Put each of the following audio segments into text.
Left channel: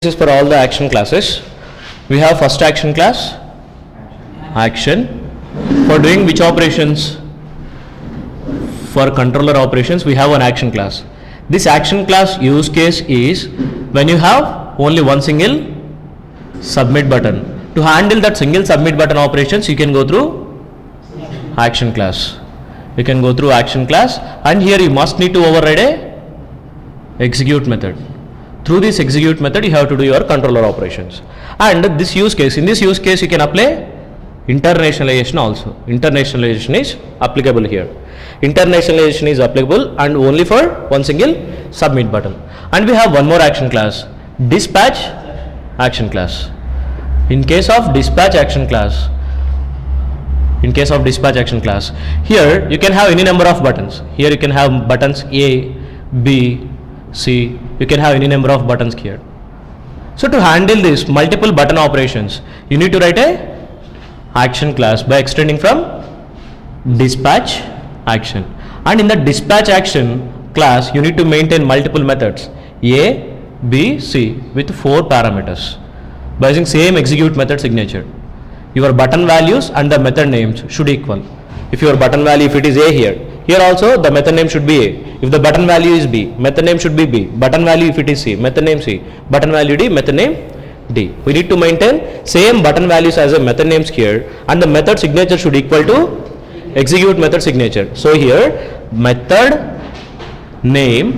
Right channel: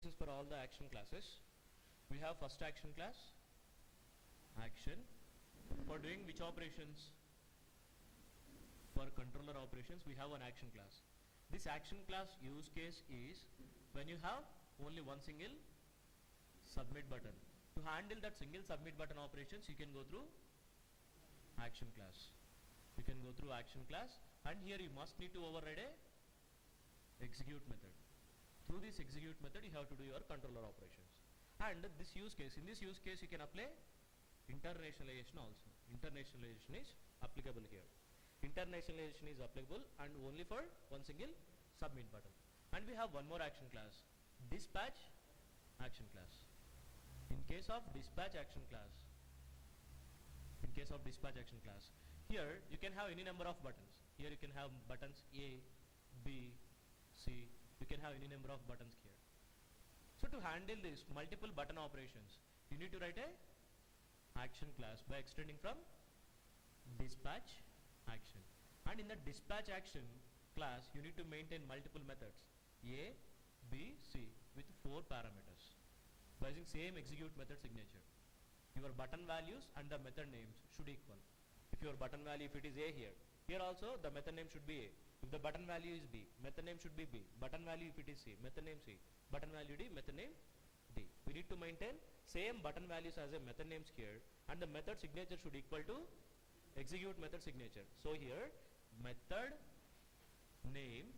This is for all the action classes. We have first action class, action, for doing which operations? For controller operations we have an action class. This action class use case is when you have only one single submit button. To handle that single submit button operations you can go through action class. You can go through action class, and here you must need to override a execute method. Through this execute method you have to do your controller operations. And this use case, in this use case you can apply internationalization also. Internationalization is applicable here. Internationalization is applicable and only for one single submit button. And we have one more action class, dispatch action class. In case of dispatch action class, here you can have any number of buttons. Here you can have buttons A, B, C, you can have any number of buttons here. So to handle this multiple button operations, you need to write a action class by extending from dispatch action. And in the dispatch action class, you need to maintain multiple methods A, B, C with 4 parameters by using same execute method signature. Your button values and the method names should equal. If your button value, if it is A here also the method name should be A. If the button value is B, method name should be B. Button value if it is C, method name C. Button value D, method name D. We need to maintain same button values as a method names here, and the method signature should equal to execute method signature. So here method name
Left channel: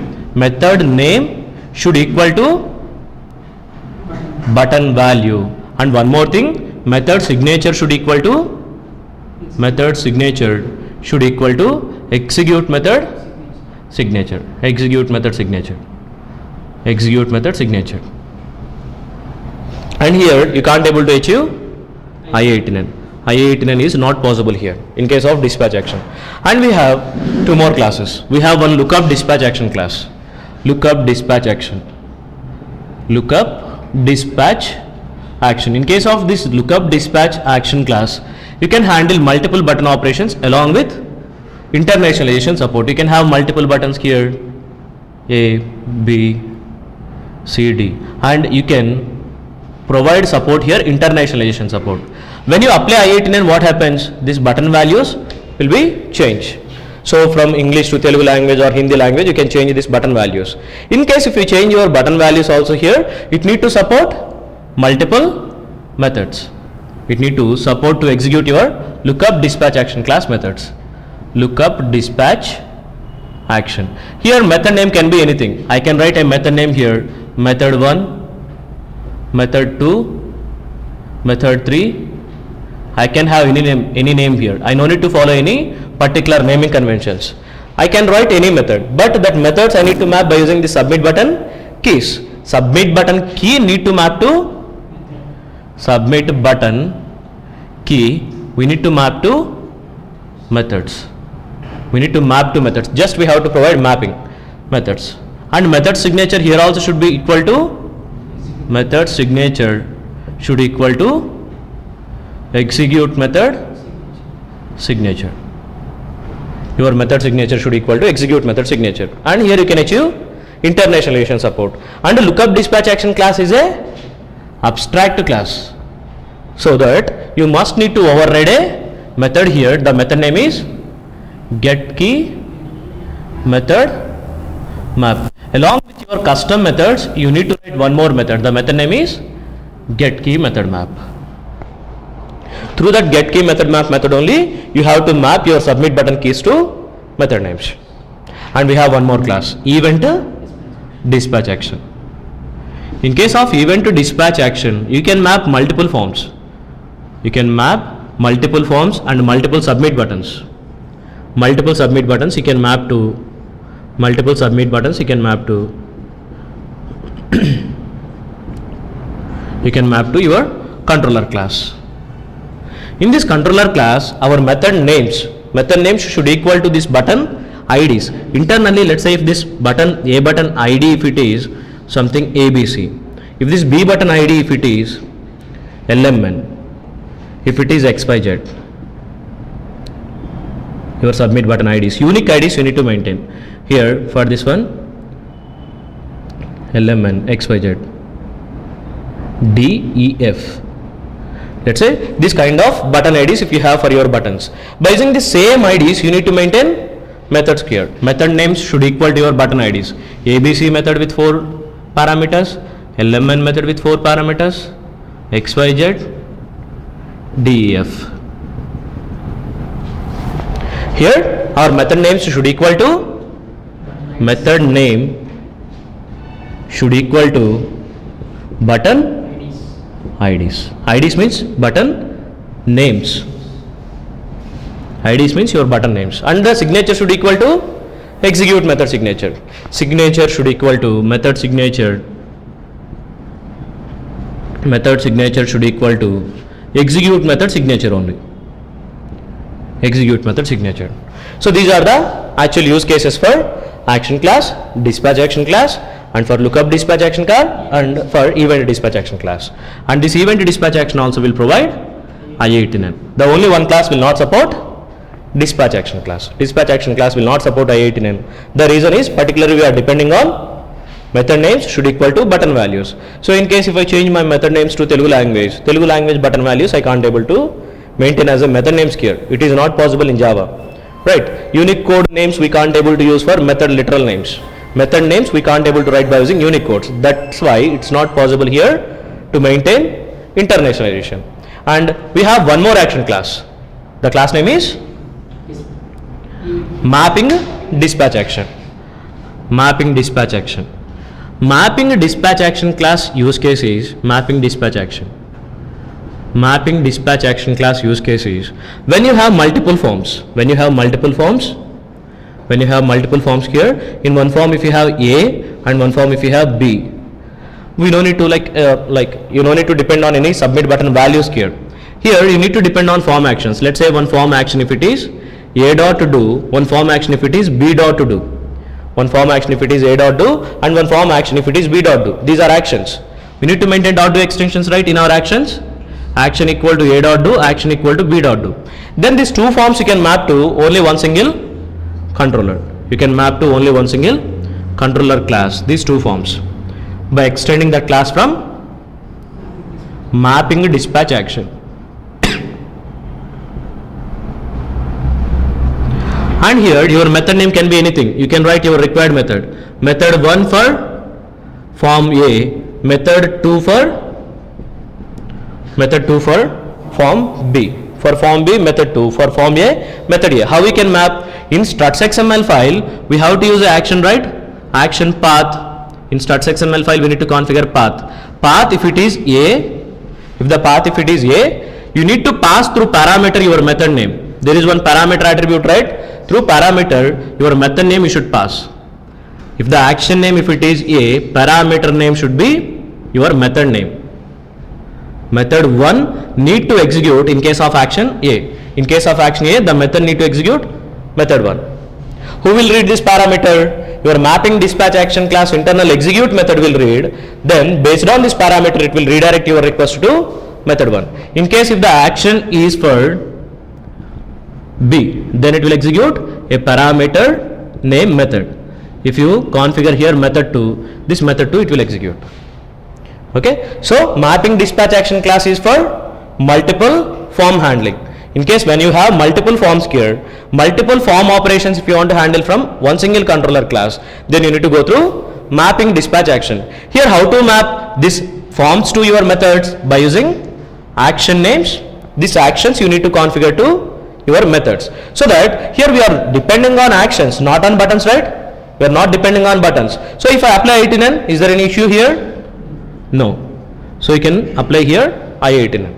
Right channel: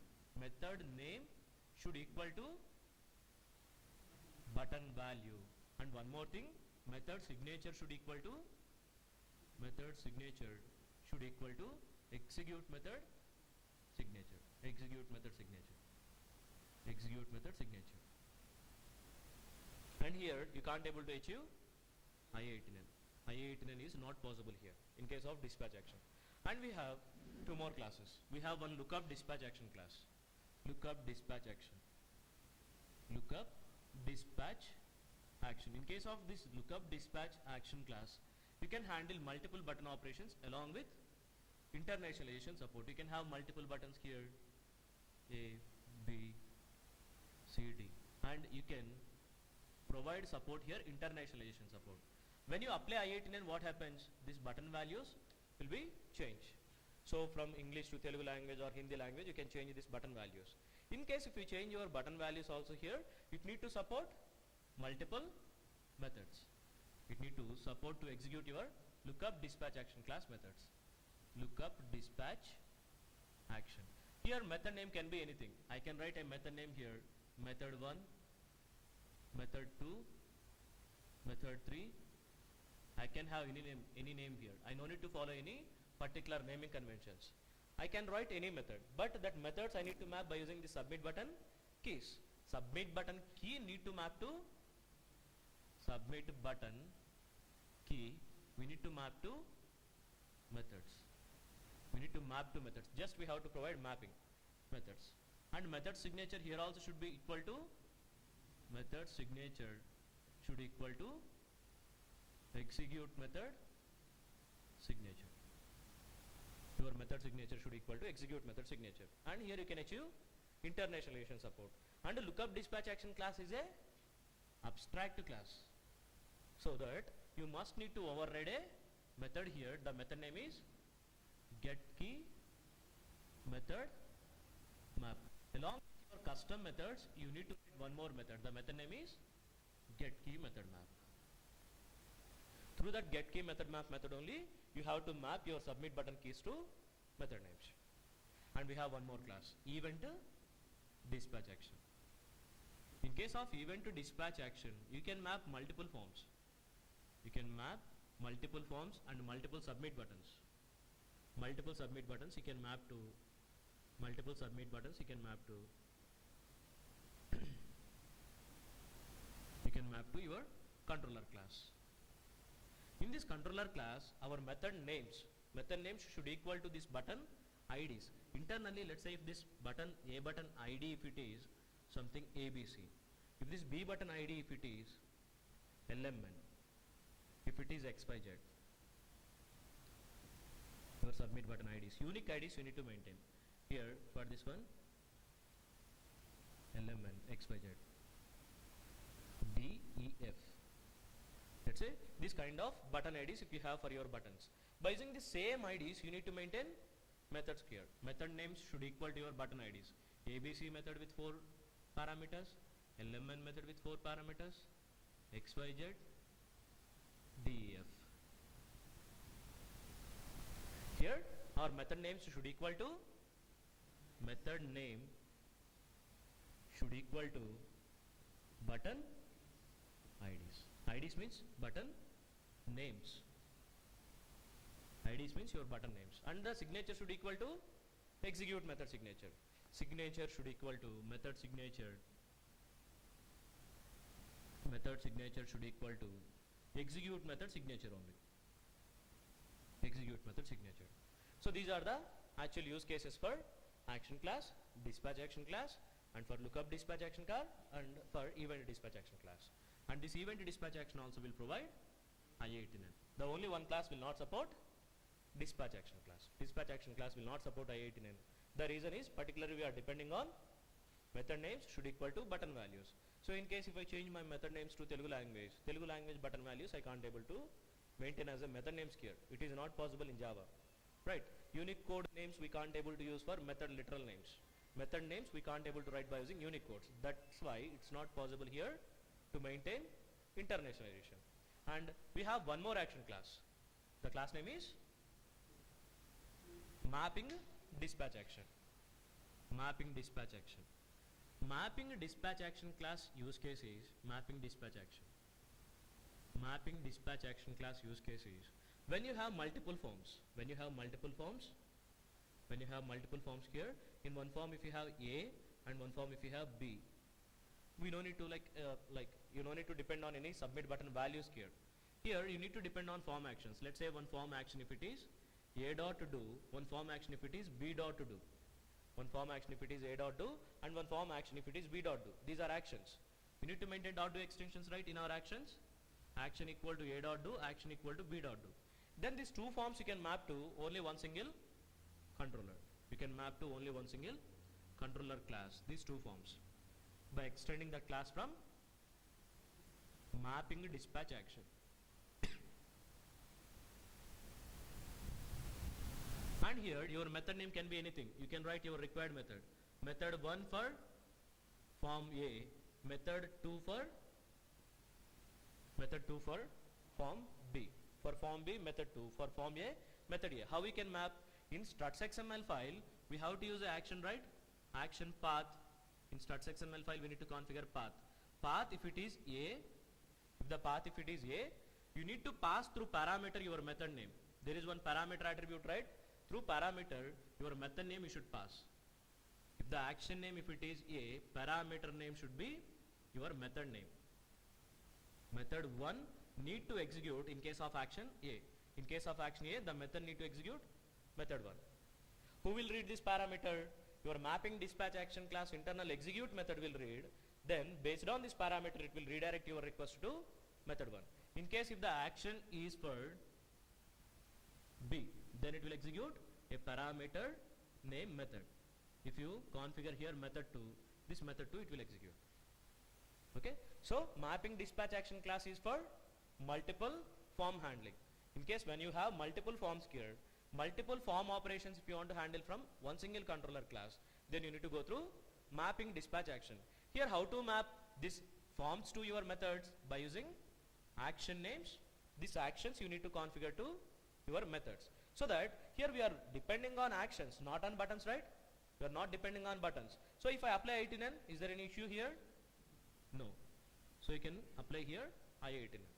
should equal to button value, and one more thing, method signature should equal to execute method signature. And here you can't able to achieve I89. I89 is not possible here in case of dispatch action. And we have two more classes. We have one lookup dispatch action class. Lookup dispatch action. In case of this lookup dispatch action class, you can handle multiple button operations along with internationalization support. You can have multiple buttons here, A, B, C, D, and you can provide support here, internationalization support. When you apply I89, what happens? These button values will be changed. So from English to Telugu language or Hindi language, you can change these button values. In case if you change your button values also here, it need to support multiple methods. It need to support to execute your lookup dispatch action class methods. Lookup dispatch action. Here method name can be anything. I can write a method name here, method 1, method 2, method 3. I can have any name here. I no need to follow any particular naming conventions. I can write any method, but that methods I need to map by using the submit button keys. Submit button key need to map to submit button key. We need to map to methods. Just we have to provide mapping methods. And method signature here also should be equal to execute method signature. Your method signature should equal to execute method signature. And here you can achieve internationalization support. And the lookup dispatch action class is a abstract class, so that you must need to override a method here. The method name is get key method map. Along with your custom methods, you need to write one more method. The method name is get key method map. Through that get key method map method only, you have to map your submit button keys to method names. And we have one more class, event dispatch action. In case of event to dispatch action, you can map multiple forms. You can map multiple forms and multiple submit buttons. Multiple submit buttons you can map to you can map to your controller class. In this controller class, our method names should equal to this button IDs. Internally, let's say if this button A button ID, if it is something ABC, if this B button ID, if it is LMN, if it is XYZ, your submit button IDs, unique IDs you need to maintain. Here for this one LMN XYZ, DEF. Let's say this kind of button IDs if you have for your buttons. By using the same IDs, you need to maintain methods here. Method names should equal to your button IDs. ABC method with 4 parameters, LMN method with 4 parameters, XYZ, DEF. Here our method names should equal to method name should equal to button IDs. IDs means button names. IDs means your button names. And the signature should equal to execute method signature. Signature should equal to method signature. Method signature should equal to execute method signature only. Execute method signature. So these are the actual use cases for action class, dispatch action class, and for lookup dispatch action class, and for event dispatch action class. And this event dispatch action also will provide I18N. The only one class will not support dispatch action class. Dispatch action class will not support I18N. The reason is particularly we are depending on method names should equal to button values. So in case if I change my method names to Telugu language button values I can't able to maintain as a method names here. It is not possible in Java. Right? Unique code names we can't able to use for method literal names. Method names we can't able to write by using unique codes. That's why it's not possible here to maintain internationalization. And we have one more action class. The class name is mapping dispatch action. Mapping dispatch action. Mapping dispatch action class use case is mapping dispatch action. Mapping dispatch action class use case is when you have multiple forms. When you have multiple forms here, in one form if you have A and one form if you have B, we don't need to you don't need to depend on any submit button values here. Here you need to depend on form actions. Let's say one form action if it is A dot to do, one form action if it is B dot to do. One form action if it is A dot do, and one form action if it is B dot do. These are actions. We need to maintain dot do extensions, right, in our actions. Action equal to A dot do, action equal to B dot do. Then these two forms you can map to only one single controller. You can map to only one single controller class, these two forms, by extending that class from mapping dispatch action. And here your method name can be anything. You can write your required method. Method 1 for form A, method 2 for form B. For form B, method 2. For form A, method A. How we can map? In struts XML file, we have to use the action, right? Action path. In struts XML file, we need to configure path. Path if it is A, if the path if it is A, you need to pass through parameter your method name. There is one parameter attribute, right? Through parameter, your method name you should pass. If the action name if it is A, parameter name should be your method name. Method 1 need to execute in case of action A. In case of action A, the method need to execute method 1. Who will read this parameter? Your mapping dispatch action class internal execute method will read. Then based on this parameter, it will redirect your request to method 1. In case if the action is for B, then it will execute a parameter name method. If you configure here method 2, this method 2 it will execute. Okay, so mapping dispatch action class is for multiple form handling. In case when you have multiple forms here, multiple form operations if you want to handle from one single controller class, then you need to go through mapping dispatch action. Here how to map these forms to your methods? By using action names. These actions you need to configure to your methods. So that here we are depending on actions, not on buttons, right? We are not depending on buttons. So if I apply I18N, is there any issue here? No. So you can apply here I18N.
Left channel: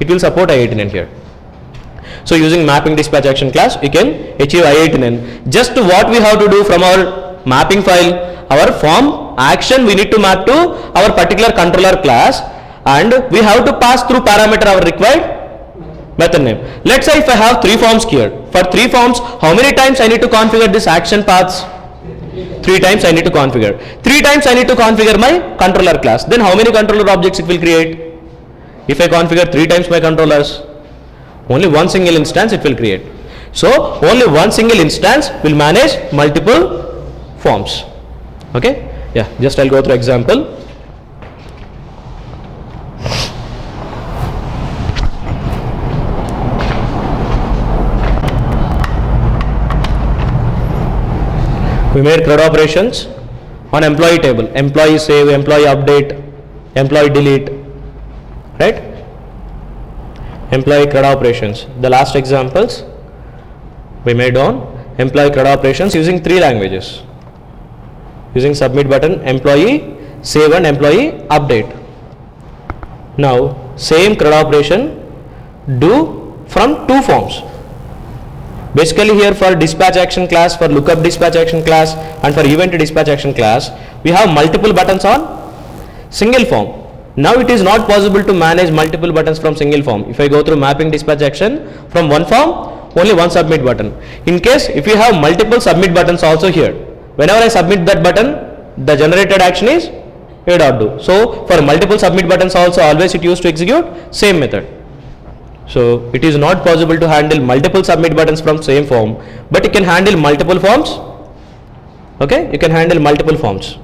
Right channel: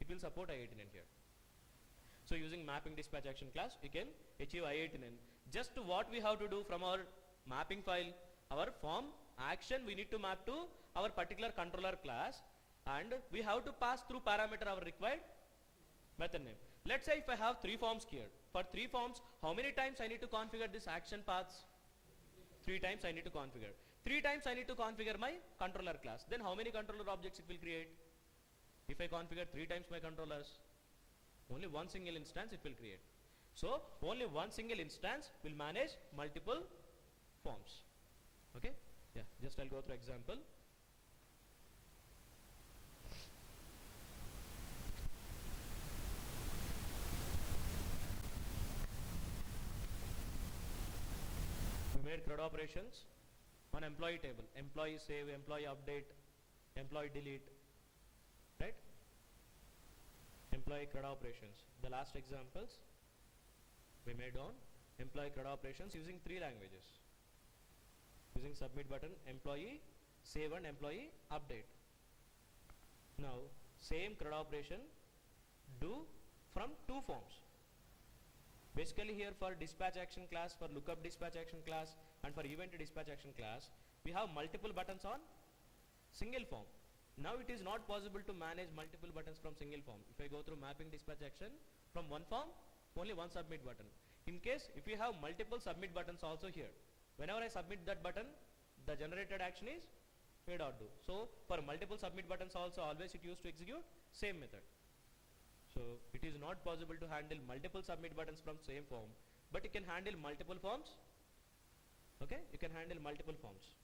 It will support I18N here. So using mapping dispatch action class, you can achieve I18N. Just what we have to do from our mapping file, our form action we need to map to our particular controller class, and we have to pass through parameter our required method name. Let's say if I have 3 forms here. For 3 forms, how many times I need to configure this action paths? 3 times I need to configure. 3 times I need to configure my controller class. Then how many controller objects it will create? If I configure 3 times my controllers, only one single instance it will create. So only one single instance will manage multiple forms. Okay? Yeah, just I'll go through example. We made CRUD operations on employee table, employee save, employee update, employee delete, right? Employee CRUD operations. The last examples we made on employee CRUD operations using 3 languages, using submit button, employee save and employee update. Now same CRUD operation do from 2 forms. Basically here for dispatch action class, for lookup dispatch action class and for event dispatch action class, we have multiple buttons on single form. Now it is not possible to manage multiple buttons from single form. If I go through mapping dispatch action from one form, only one submit button. In case if you have multiple submit buttons also here, whenever I submit that button, the generated action is a.do. So for multiple submit buttons also, always it used to execute same method. So it is not possible to handle multiple submit buttons from same form, but you can handle multiple forms. Okay, you can handle multiple forms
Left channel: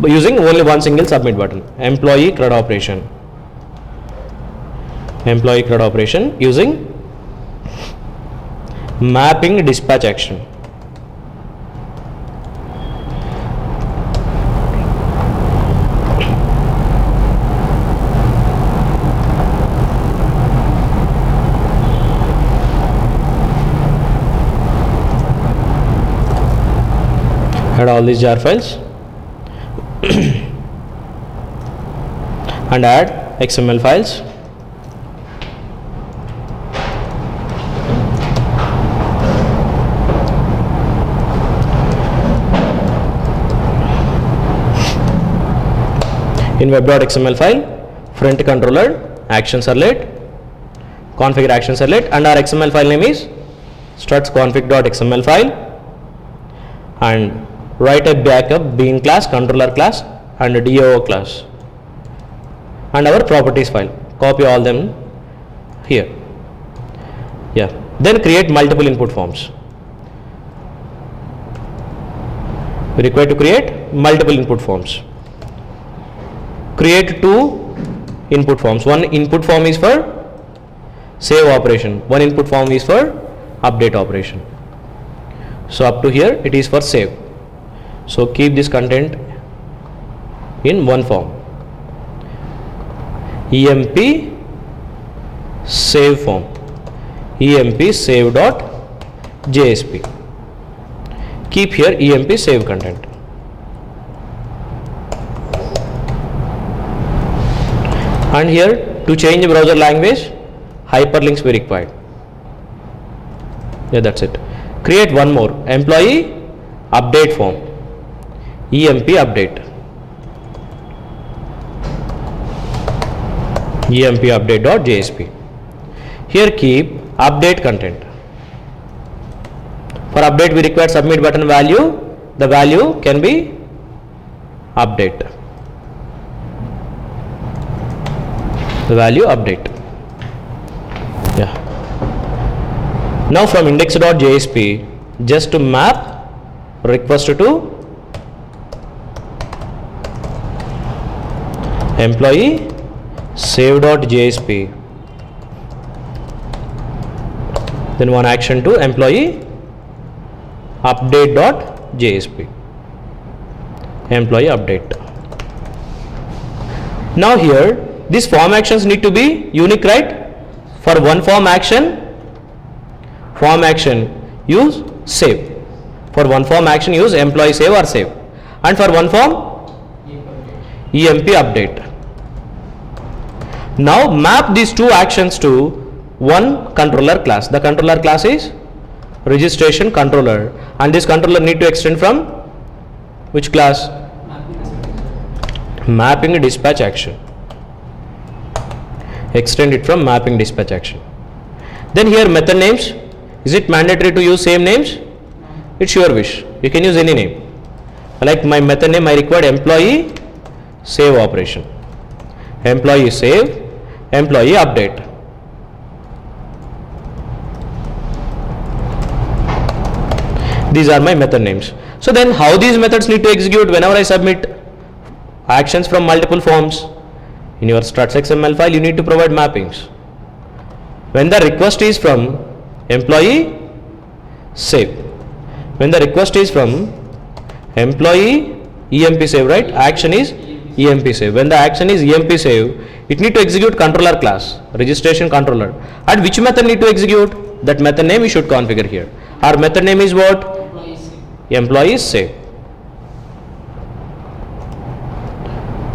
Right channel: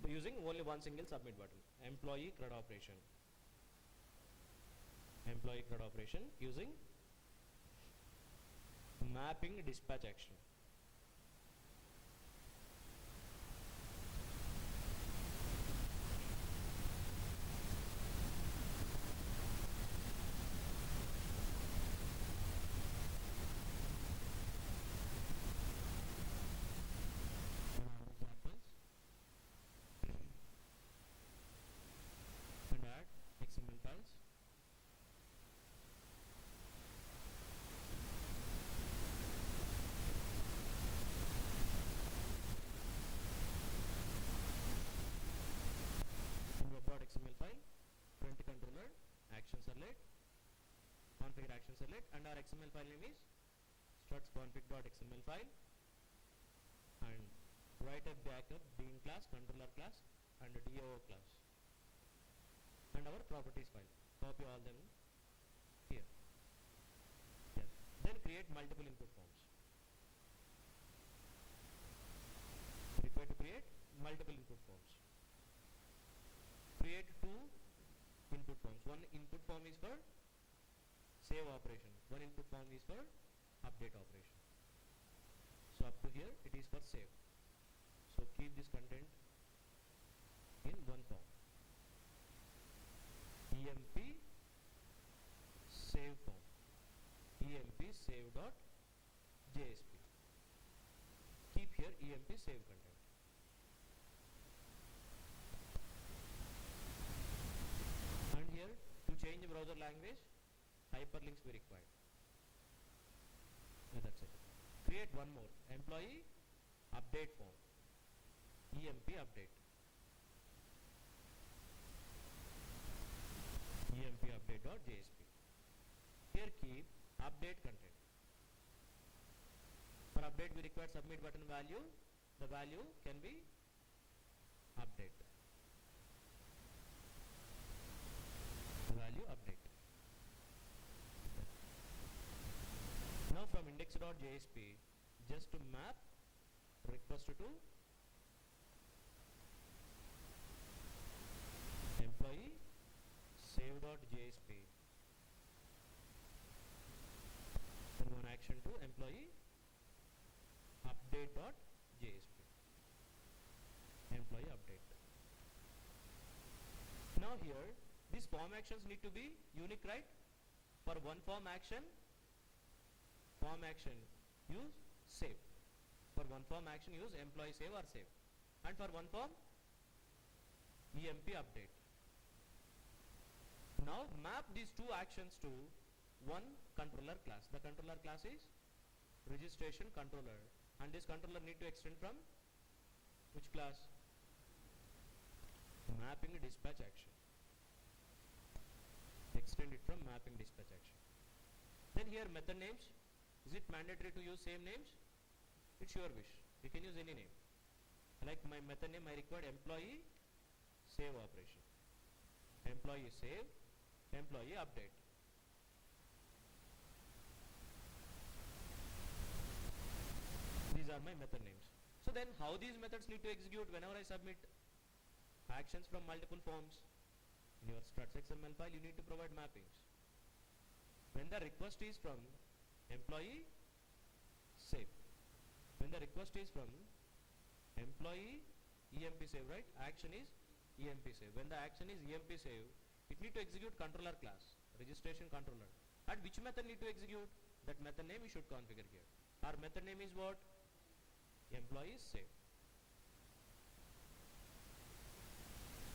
by using only one single submit button. Employee CRUD operation. Employee CRUD operation using mapping dispatch action. Add all these jar files and add XML files. In web.xml file, front controller, action servlet, configure action servlet, and our XML file name is struts config.xml file, and write a backup bean class, controller class and a DO class and our properties file. Copy all them here. Yeah. Then create multiple input forms. We require to create multiple input forms. Create 2 input forms. One input form is for save operation. One input form is for update operation. So up to here it is for save. So keep this content in one form. EMP save form. EMP save dot JSP. Keep here EMP save content. And here to change browser language, hyperlinks be required. Yeah, that's it. Create one more employee update form. EMP update. EMP update.jsp. Here keep update content. For update we require submit button value. The value can be update. The value update. Yeah. Now from index.jsp, just to map request to employee save.jsp, then one action to employee update.jsp, employee update. Now here these form actions need to be unique, right? For one form action use save. For one form action use employee save or save, and for one form EMP update. Now map these 2 actions to one controller class. The controller class is registration controller, and this controller need to extend from which class? Mapping dispatch action. Extend it from mapping dispatch action. Then here method names. Is it mandatory to use same names? It's your wish. You can use any name. Like my method name, I required employee save operation. Employee save, employee update. These are my method names. So then how these methods need to execute whenever I submit actions from multiple forms? In your struts XML file, you need to provide mappings. When the request is from employee save, When the request is from employee emp save, right? Action is emp save. When the action is emp save, it need to execute controller class, registration controller. And which method need to execute? That method name you should configure here. Our method name is what? Employee save.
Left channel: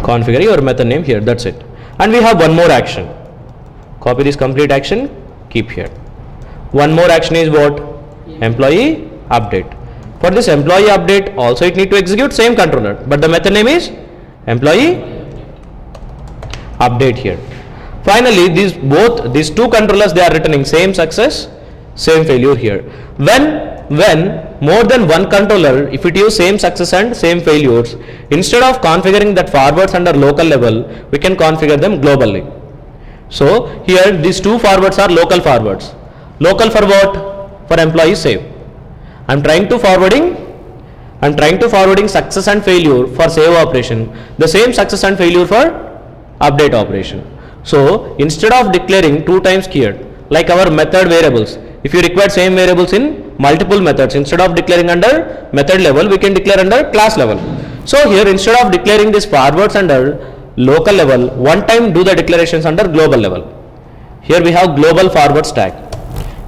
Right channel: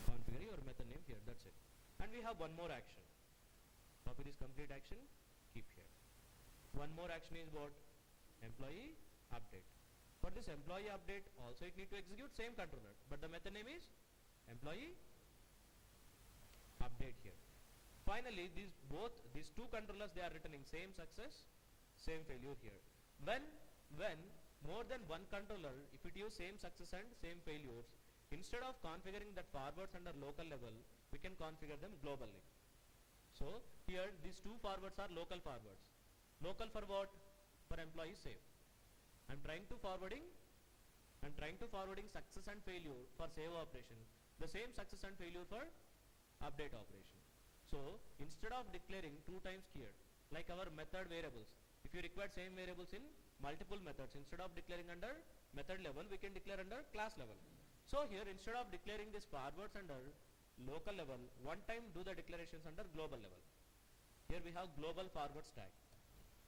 Configure your method name here, that's it. And we have one more action. Copy this complete action, keep here. One more action is what? Employee update. For this employee update also it need to execute same controller, but the method name is employee update here. Finally, these two controllers, they are returning same success, same failure here. When more than one controller, if it use same success and same failures, instead of configuring that forwards under local level, we can configure them globally. So here these two forwards are local forwards. Local for what? For employee save. I'm trying to forwarding success and failure for save operation, the same success and failure for update operation. So instead of declaring two times keyword, like our method variables, if you require same variables in multiple methods, instead of declaring under method level, we can declare under class level. So here instead of declaring this forwards under local level, one time do the declarations under global level. Here we have global forward stack.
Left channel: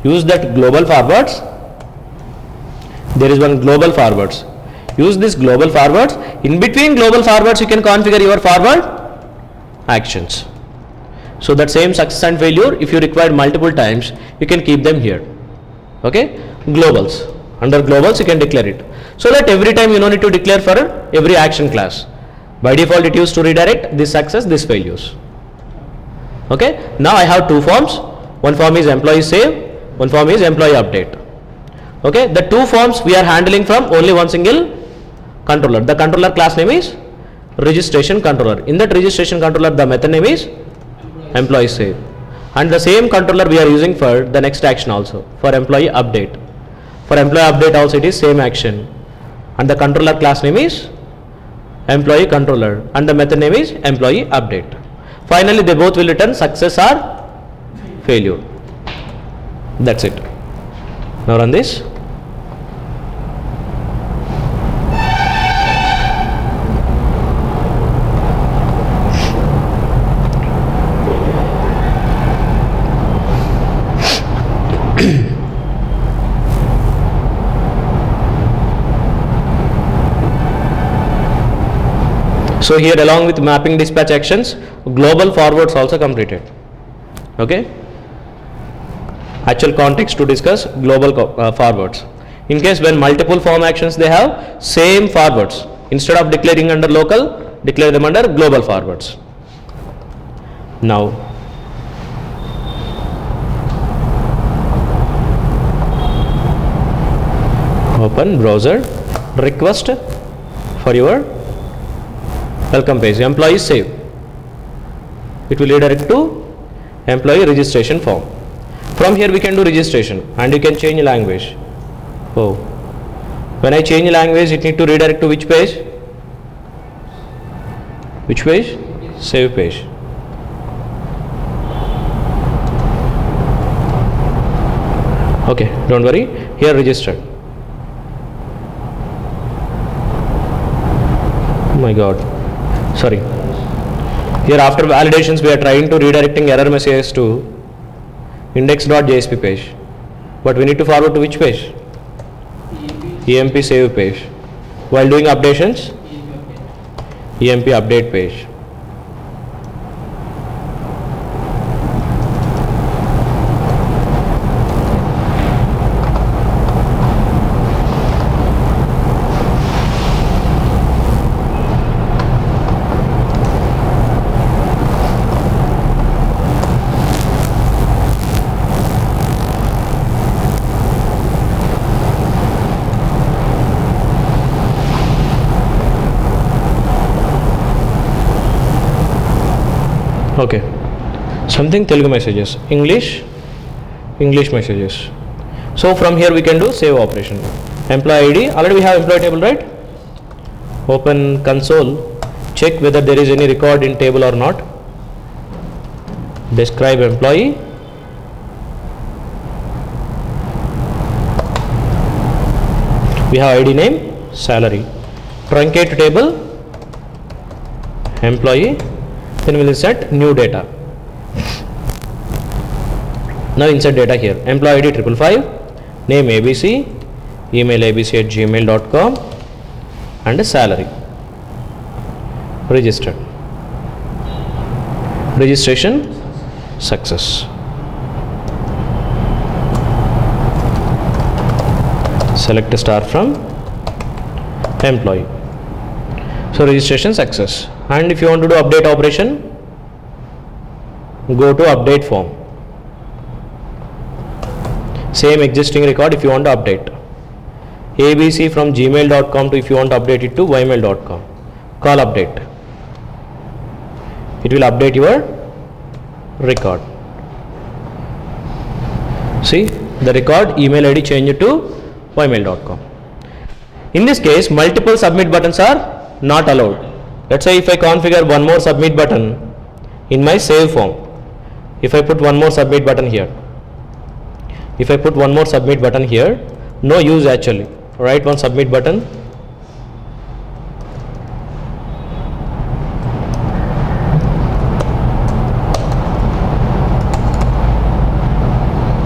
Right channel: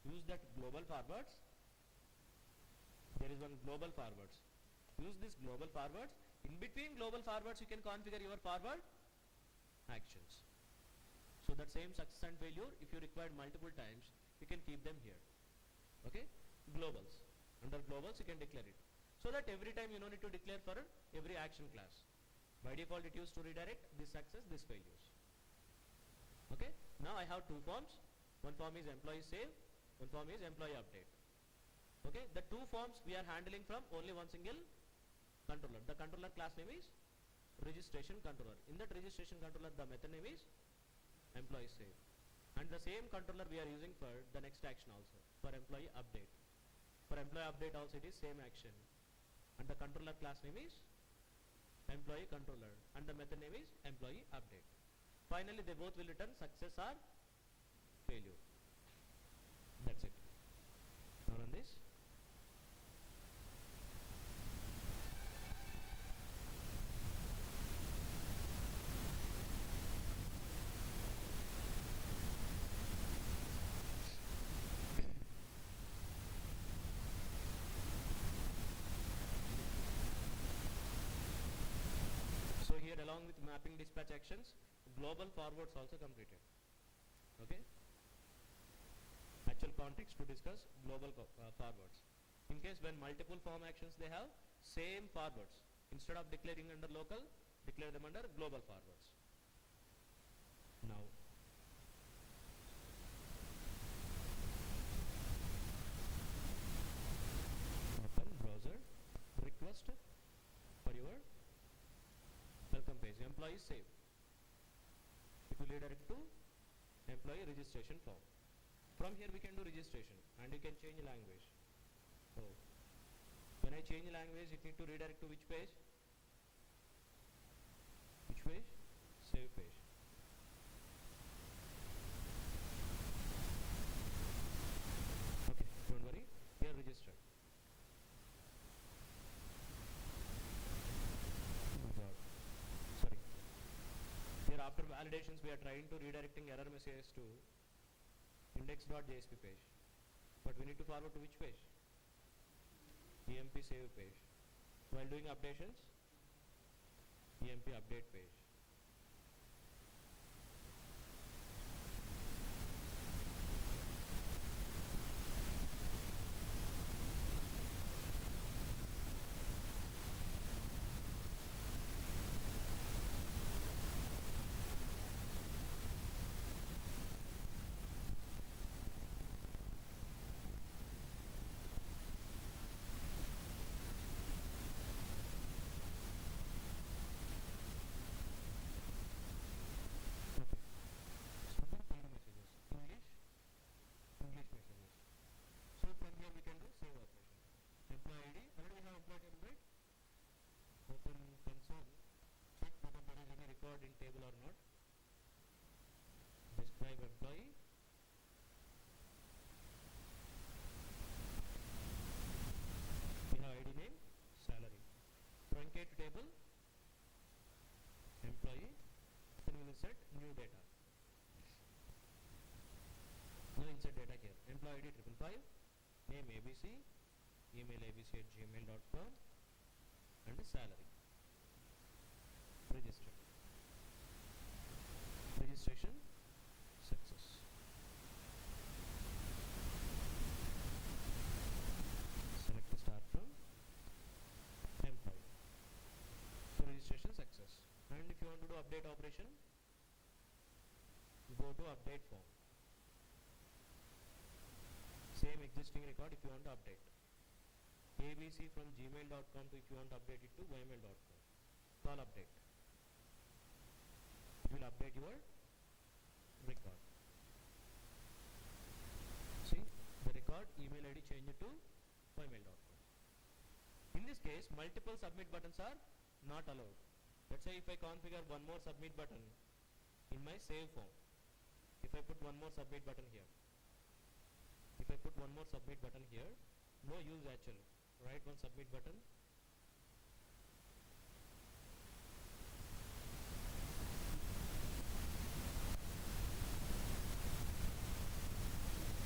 Use that global forwards. There is one global forwards. Use this global forwards. In between global forwards, you can configure your forward actions. So that same success and failure, if you require multiple times, you can keep them here. Okay? Globals. Under globals, you can declare it. So that every time you don't need to declare for every action class. By default, it used to redirect this success, this failures. Okay? Now I have two forms. One form is employee save, one form is employee update. Okay? The two forms we are handling from only one single controller. The controller class name is registration controller. In that registration controller, the method name is employee save. And the same controller we are using for the next action also, for employee update. For employee update also it is same action. And the controller class name is employee controller and the method name is employee update. Finally, they both will return success or failure. That's it. Now run this. So here along with mapping dispatch actions, global forwards also completed. Okay. Actual context to discuss global forwards. In case when multiple form actions they have same forwards, instead of declaring under local, declare them under global forwards. Now open browser, request for your welcome page, employee save. It will redirect to employee registration form. From here we can do registration and you can change language. Oh, when I change language, it need to redirect to which page? Which page? Save page. Okay, don't worry. Here registered. Oh my God. Sorry. Here after validations we are trying to redirecting error messages to index.jsp page. But we need to forward to which page? EMP save page. While doing updations, EMP update page. Okay, something Telugu messages, English messages. So from here we can do save operation. Employee ID, already we have employee table, right? Open console, check whether there is any record in table or not. Describe employee. we have ID name salary, truncate table employee, then we will insert new data. Now insert data here, employee ID 555, name ABC, email abc@gmail.com, and a salary. Registered. Registration success. Select a star from employee. So registration success. And if you want to do update operation, go to update form. Same existing record if you want to update. ABC from gmail.com to if you want to update it to ymail.com. Call update. It will update your record. See, the record email ID changed to ymail.com. In this case, multiple submit buttons are not allowed. Let's say if I configure one more submit button in my save form, if I put one more submit button here, no use actually. Write one submit button.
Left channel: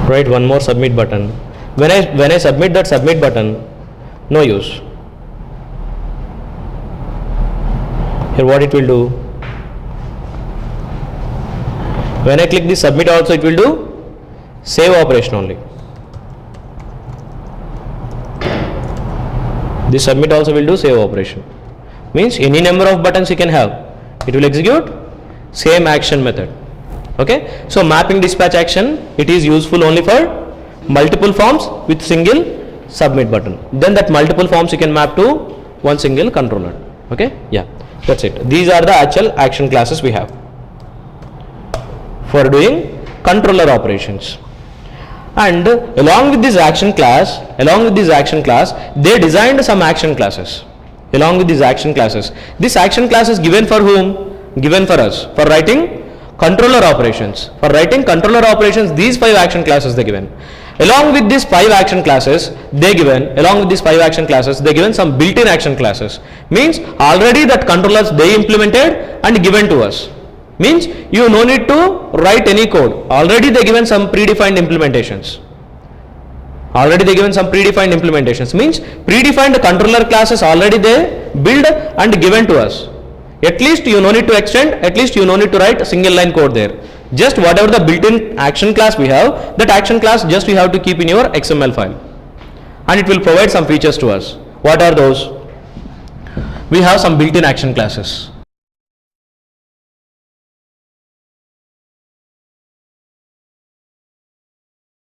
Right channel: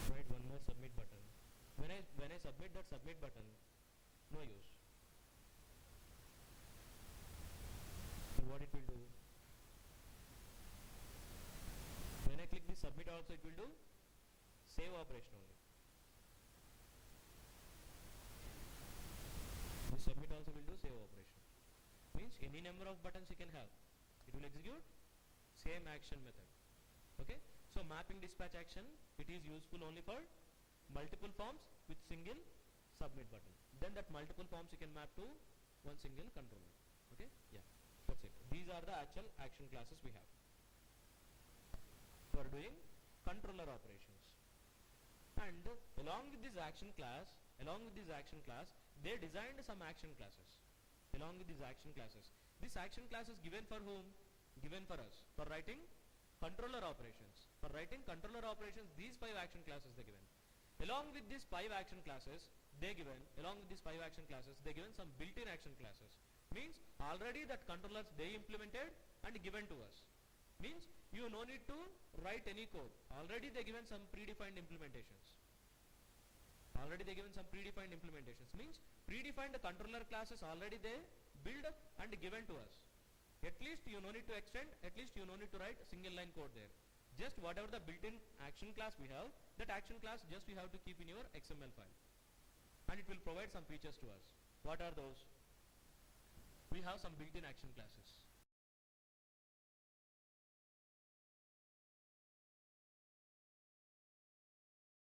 Write one more submit button. When I submit that submit button, no use. Here what it will do? When I click this submit also, it will do save operation only. This submit also will do save operation. Means any number of buttons you can have, it will execute same action method. Okay, so mapping dispatch action, it is useful only for multiple forms with single submit button. Then that multiple forms you can map to one single controller. Okay, yeah, that's it. These are the actual action classes we have for doing controller operations. And along with this action class, they designed some action classes. Along with these action classes, this action class is given for whom? Given for us, for writing controller operations. For writing controller operations, these 5 action classes they given. Along with these 5 action classes, they given some built-in action classes. Means already that controllers they implemented and given to us. Means you no need to write any code. Already they given some predefined implementations. Means predefined controller classes already they build and given to us. At least you no need to extend, at least you no need to write a single line code there. Just whatever the built-in action class we have, that action class just you have to keep in your XML file. And it will provide some features to us. What are those? We have some built-in action classes.